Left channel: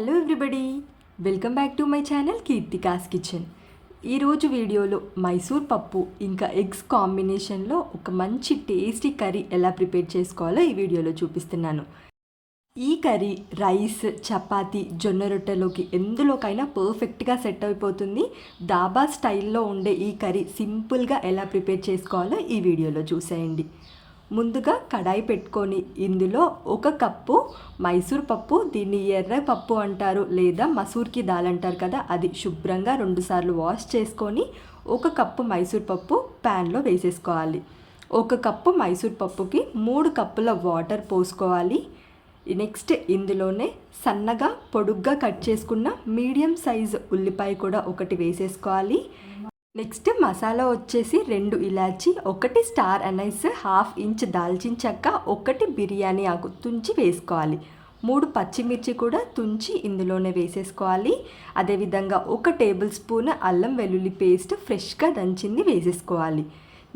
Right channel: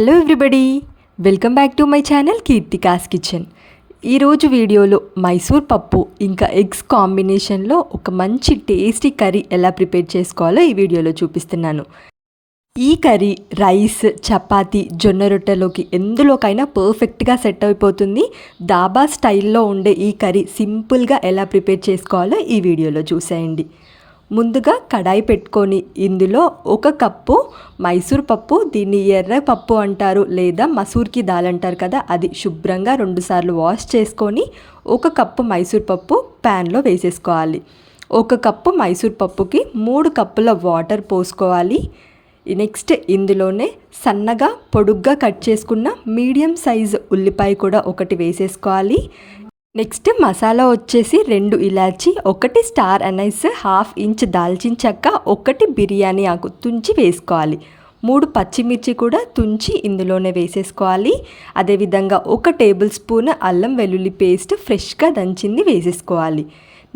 Hello everybody, welcome back to my channel Keerthika's kitchen. ఈరోజు వీడియోలో మైసూర్ పప్పు ఇంకా ఎగ్స్ కాంబినేషన్లో ఒక మంచి టేస్టీ కర్రీ ఎలా ప్రిపేర్ చేసుకోవాలో ఈ వీడియోలో చూపిస్తున్నాను. ఈ కర్రీ రైస్, చపాతీ, జొన్న రొట్టెలోకి ఎందులోకైనా పర్ఫెక్ట్గా సెట్ అయిపోతుంది. దాబా స్టైల్లో ఉండే ఈ కర్రీ సింపుల్గా ఎలా ప్రిపేర్ చేసుకోవాలో ఈ వీడియోలో చూసేయండి. ముందుగా కడాయి పెట్టుకొని ఇందులో 1 కప్పు మైసూర్ పప్పు, దీన్ని ఎర్ర పప్పు అంటారు లేదా మసూర్కి దాల్ అంటారు కదా, అది శుభ్రంగా 2 సార్లు వాష్ చేసుకొని 1 కప్పు మైసూర్ పప్పు ప్యాన్లో వేసేసుకోవాలి. 1 కప్పు మైసూర్ పప్పుకి 3 కప్పుల వాటర్ పోసుకోవాలి. నెక్స్ట్ ఇందులోనే సన్నగా పొడుగ్గా కట్ చేసుకున్న మీడియం సైజ్ ఉల్లిపాయ కూడా 1 వేసేసుకోవాలి. నెక్స్ట్ మసాలా వచ్చేసి 2 ఇలాచి, 1 స్టార్ అనైస్, 1/2 ఇంచ్ దాల్చిన చెక్క, 1 బిర్యానీ ఆకు తుంచి వేసుకోవాలి. 3 పచ్చిమిర్చి కూడా తుంచి ఇందులోనే వేసేసుకోవాలి. అదేవిధంగా 1 టేబుల్ స్పూన్ అల్లం వెల్లుల్లి పేస్ట్ ఫ్రెష్గా దంచింది వేసేసుకోవాలి.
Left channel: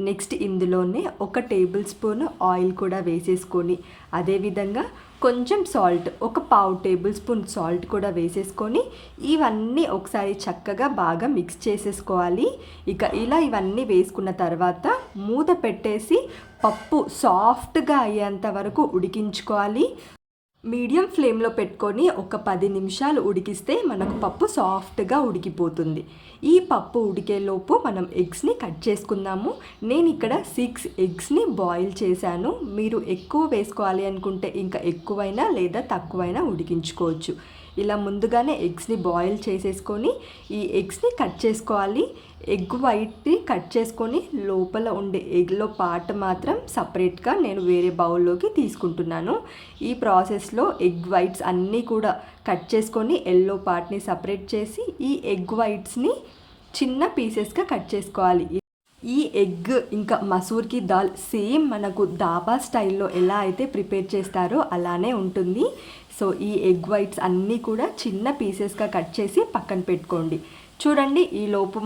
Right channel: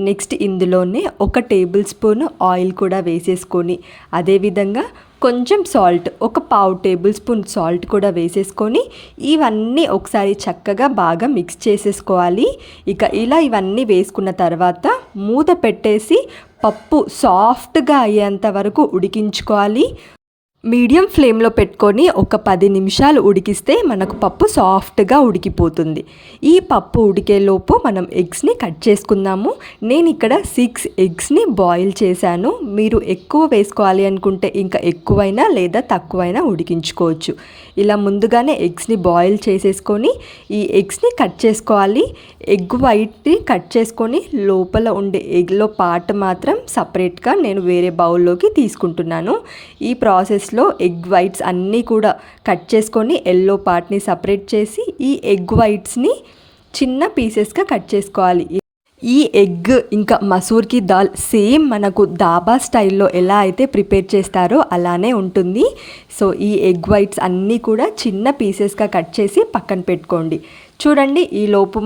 నెక్స్ట్ ఇందులోనే 1 టేబుల్ స్పూన్ ఆయిల్ కూడా వేసేసుకొని అదేవిధంగా కొంచెం సాల్ట్, 1/4 టేబుల్ స్పూన్ సాల్ట్ కూడా వేసేసుకొని ఇవన్నీ ఒకసారి చక్కగా బాగా మిక్స్ చేసేసుకోవాలి. ఇలా ఇవన్నీ వేసుకున్న తర్వాత మూత పెట్టేసి పప్పు సాఫ్ట్గా అయ్యేంత వరకు ఉడికించుకోవాలి. మీడియం ఫ్లేమ్లో పెట్టుకొని ఒక 10 నిమిషాలు ఉడికిస్తే మనకు పప్పు సాఫ్ట్గా ఉడికిపోతుంది. ఈ పప్పు ఉడికేలోపు మనం ఎగ్స్ని కట్ చేసుకుందాము. నేను ఇక్కడ 6 ఎగ్స్ని బాయిల్ చేశాను. మీరు ఎక్కువ వేసుకోవాలి అనుకుంటే ఇంకా ఎక్కువైనా లేదా తక్కువైనా ఉడికించుకోవచ్చు. ఇలా ముందుగానే ఎగ్స్ని బాయిల్ చేసేసుకొని ఈ ఎగ్స్ని కట్ చేసుకోవాలి. ఎగ్ వైట్ని కట్ చేసుకొని లోపల ఉండే ఎగ్లో పార్ట్ మాత్రం సపరేట్గా నేను వేరే బౌల్లోకి తీసుకుంటున్నాను. ఈ ప్రాసెస్లో ఎగ్ వైట్స్ అన్నీ కూడా కట్ చేసుకొని ఎల్లో పార్ట్ని సపరేట్ చేసి ఈ ఎగ్ వైట్స్ని చిన్న పీసెస్గా కట్ చేసుకోవాలి. ఈ ఎగ్ ఇంకా మసూర్కి దాల్ సేమ్ మనకు దాబా స్టైల్లో ఎలా అయితే ప్రిపేర్ చేస్తారో అలానే ఉంటుంది. సో ఈ ఎగ్ వైట్స్ అన్నీ కూడా చిన్న పీసెస్గా కట్ చేసి పక్కన పెట్టుకోండి. చూడండి, ఈ లోపు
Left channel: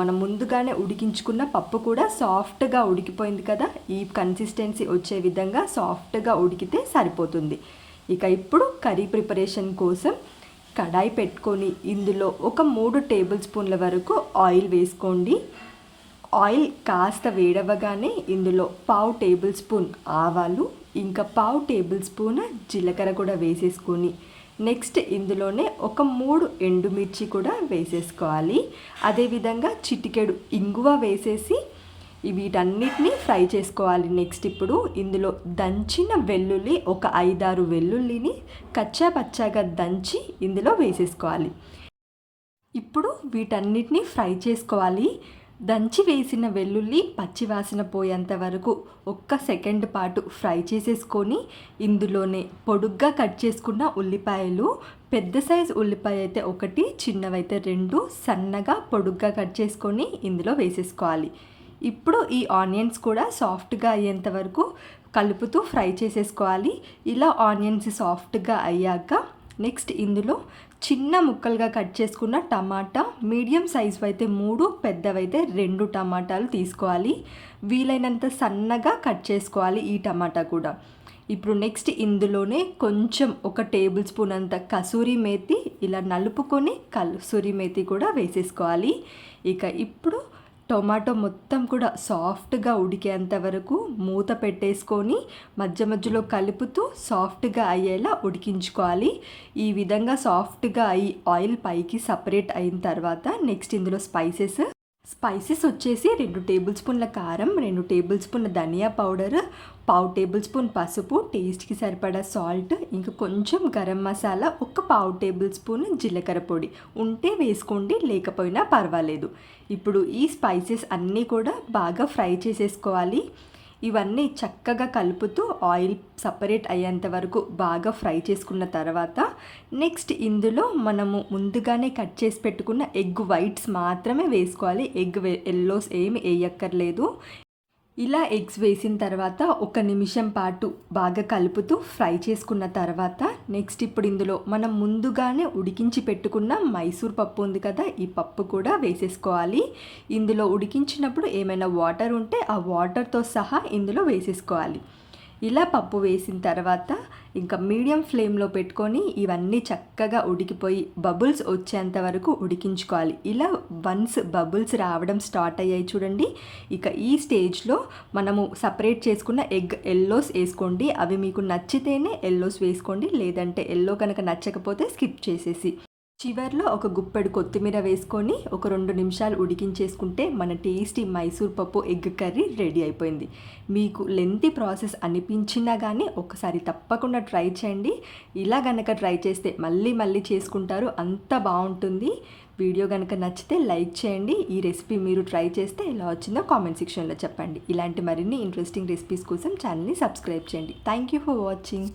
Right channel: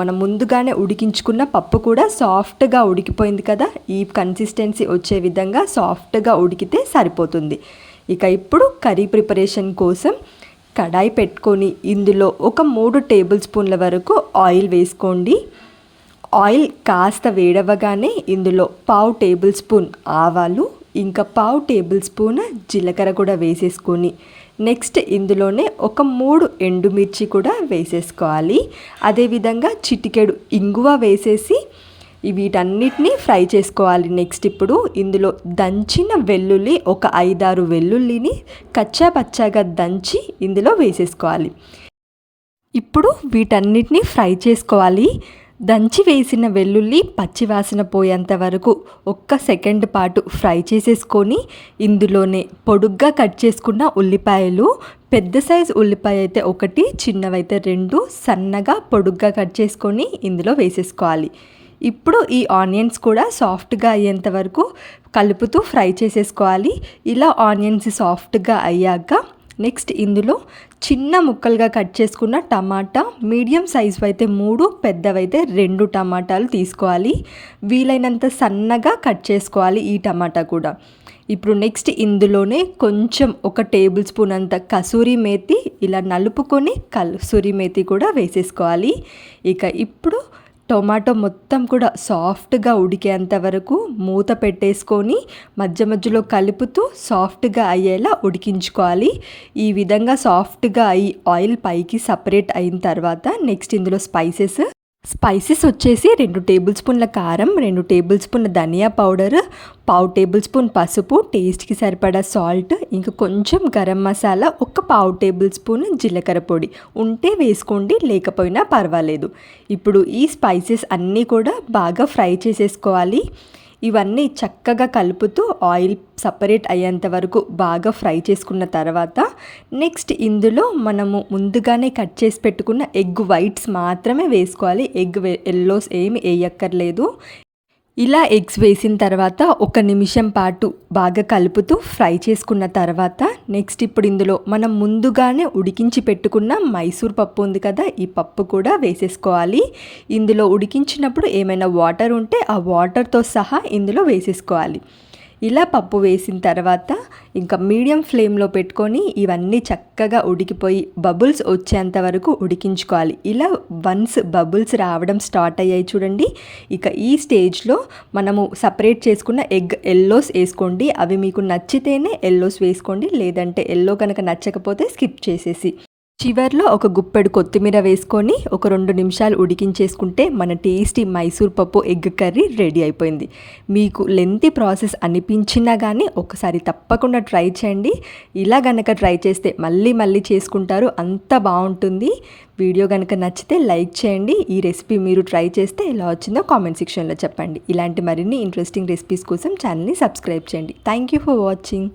మనం ముందుగానే ఉడికించుకున్న పప్పు కూడా సాఫ్ట్గా ఉడికిపోయింది కదా. ఈ కన్సిస్టెన్సీ వచ్చే విధంగా సాఫ్ట్గా ఉడికితే సరిపోతుంది. ఇప్పుడు కర్రీ ప్రిపరేషన్ కోసం కడాయి పెట్టుకొని ఇందులో ఒక 3 టేబుల్ స్పూన్ల వరకు ఆయిల్ వేసుకోండి. ఆయిల్ కాస్త వేడవగానే ఇందులో 1/2 టేబుల్ స్పూన్ ఆవాలు ఇంకా 1/2 టేబుల్ స్పూన్ జీలకర్ర కూడా వేసేసుకొని నెక్స్ట్ ఇందులోనే ఒక 3 ఎండుమిర్చి కూడా వేసేసుకోవాలి. అదేవిధంగా చిటికెడు ఇంగువ వేసేసి వీటన్నిటిని ఫ్రై చేసుకోవాలి. నెక్స్ట్ ఇప్పుడు ఇందులో దంచిన వెల్లుల్లి ఒక 5-6 వెల్లుల్లిని కచ్చా పచ్చాగా దంచి ఇందులో వేసేసుకోవాలి. ఇప్పుడు వీటన్నిటిని ఫ్రై చేసుకోవాలి. దంచి వేసిన వెల్లుల్లి పచ్చివాసన పోయేంత వరకు 1 సెకండ్ పాటు ఫ్రై చేసేసుకొని ఇందులోనే పొడుగ్గా కట్ చేసుకున్న ఉల్లిపాయలు, పెద్ద సైజు ఉల్లిపాయ అయితే 1, చిన్నవైతే 2 సన్నగా పొడుగ్గా కట్ చేసుకొని ఇందులో వేసేసుకోవాలి. ఇప్పుడు ఈ ఆనియన్స్ కూడా సాఫ్ట్గా అయ్యేంత వరకు కలుపుతూ ఫ్రై చేసేసుకోవాలి. ఇలా ఆనియన్స్ సాఫ్ట్గా అయ్యాక నెక్స్ట్ ఇందులో చిన్న ముక్కలుగా కట్ చేసుకున్న టమాటా, మీడియం సైజు అయితే 3, పెద్దవైతే 2 టమాటాలు తీసుకోవాలి. వీలైనంత సన్నగా కట్ చేసుకోవాలి ఈ టమాటా కూడా. ఇప్పుడు నెక్స్ట్ ఇందులోనే కొంచెం 1 టేబుల్ స్పూన్ అంత కసూరి మేతి ఇలా నలుపుకొని కసూరి మేతి కూడా వేసేసుకోవాలి. ఇప్పుడు టొమాటో మొత్తం కూడా సాఫ్ట్గా ఉడికేంత వరకు మూత పెట్టేసుకొని మధ్య మధ్యలో కలుపుతూ సాఫ్ట్గా అయ్యేలా ఉడికించుకోవాలి. ఈ విధంగా సాఫ్ట్గా అయ్యి ఆయిల్ పైకి సపరేట్ అయిన తర్వాత నెక్స్ట్ ఇందులో స్పైసెస్ వచ్చేసి 2 టేబుల్ స్పూన్ల కారం, 2 టేబుల్ స్పూన్ల ధనియా పౌడర్, 1/2 టేబుల్ స్పూన్ పసుపు, టేస్ట్కి సరిపడా సాల్ట్, ఇంకా కొంచెం గరం మసాలా, 1/4 టేబుల్ స్పూన్ జీలకర్ర పొడి ఉంటే వేసుకోండి, లేకపోయినా పర్వాలేదు. ఇప్పుడు ఈ స్పైసెస్ అన్నీ కూడా బాగా ఫ్రై చేసేసుకోవాలి. ఇవన్నీ చక్కగా కలుపుతూ ఆయిల్ సపరేట్ అయ్యేంత వరకు బాగా ఫ్రై చేసుకున్న తర్వాత నెక్స్ట్ ఇందులో మనము ముందుగానే కట్ చేసి పెట్టుకున్న ఎగ్ వైట్స్ మాత్రమే వేసుకోవాలి. ఎగ్ ఎల్లోస్ ఏమి వేయక్కర్లేదు. ఇలా ఎగ్స్ వేసిన తర్వాత 1 నిమిషం పాటు బాగా కలుపుతూ ఫ్రై చేసుకున్న తర్వాత నెక్స్ట్ ఇప్పుడు ఇందులో మనం ముందుగానే ఉడికించి పెట్టుకున్న మైసూర్ పప్పు ఉంది కదా, ఈ పప్పు కూడా వేసేసుకోవాలి. ఇందులో ఉడికించినప్పుడు ఏమైనా వాటర్ ఉంటే ఆ వాటర్తో సహా ఇందులో వేసేసుకోవాలి. ఇలా పప్పు వేసిన తర్వాత ఇంకా మీడియం ఫ్లేమ్లో పెట్టుకొని ఇవన్నీ చక్కగా ఉడికిపోయి బబుల్స్ వచ్చేంత వరకు ఉడికించుకోవాలి. ఇలా వన్స్ బబుల్స్ రావడం స్టార్ట్ అయ్యాయి చూడండి. ఇక ఈ స్టేజ్లో మనము సపరేట్ చేసుకున్న ఎగ్ ఎల్లోస్ వేసుకోండి. అవి మీకు నచ్చితేనే ఎల్లోస్ వేసుకోండి, లేదంటే ఎల్లో కనుక నచ్చకపోతే స్కిప్ చేసేసి చివర్లో ఒక గుప్పెడు కొత్తిమీర వేసుకొని ఒక 2 నిమిషాలు ఉడికించేసుకుంటే మన టేస్టీ మైసూర్ పప్పు ఎగ్ కర్రీ రెడీ అయిపోయింది. మీకు లెంతీ ప్రాసెస్ అనిపించినా కానీ ఒకసారి తప్పకుండా ట్రై చేయండి. ఇలా కనుక ట్రై చేస్తే మళ్ళీ మళ్ళీ చేసుకుంటారు, అంత బాగుంటుంది. వీడియో కనుక నచ్చితే లైక్ చేయండి. ఈ రెసిపీ మీరు ట్రై చేస్తే ఎలా వచ్చిందో కామెంట్ సెక్షన్లో చెప్పండి. ఇలాంటి మరిన్ని ఇంట్రెస్టింగ్ రెసిపీస్ కోసం ఛానల్ని సబ్స్క్రైబ్ చేయండి. Thank you for watching.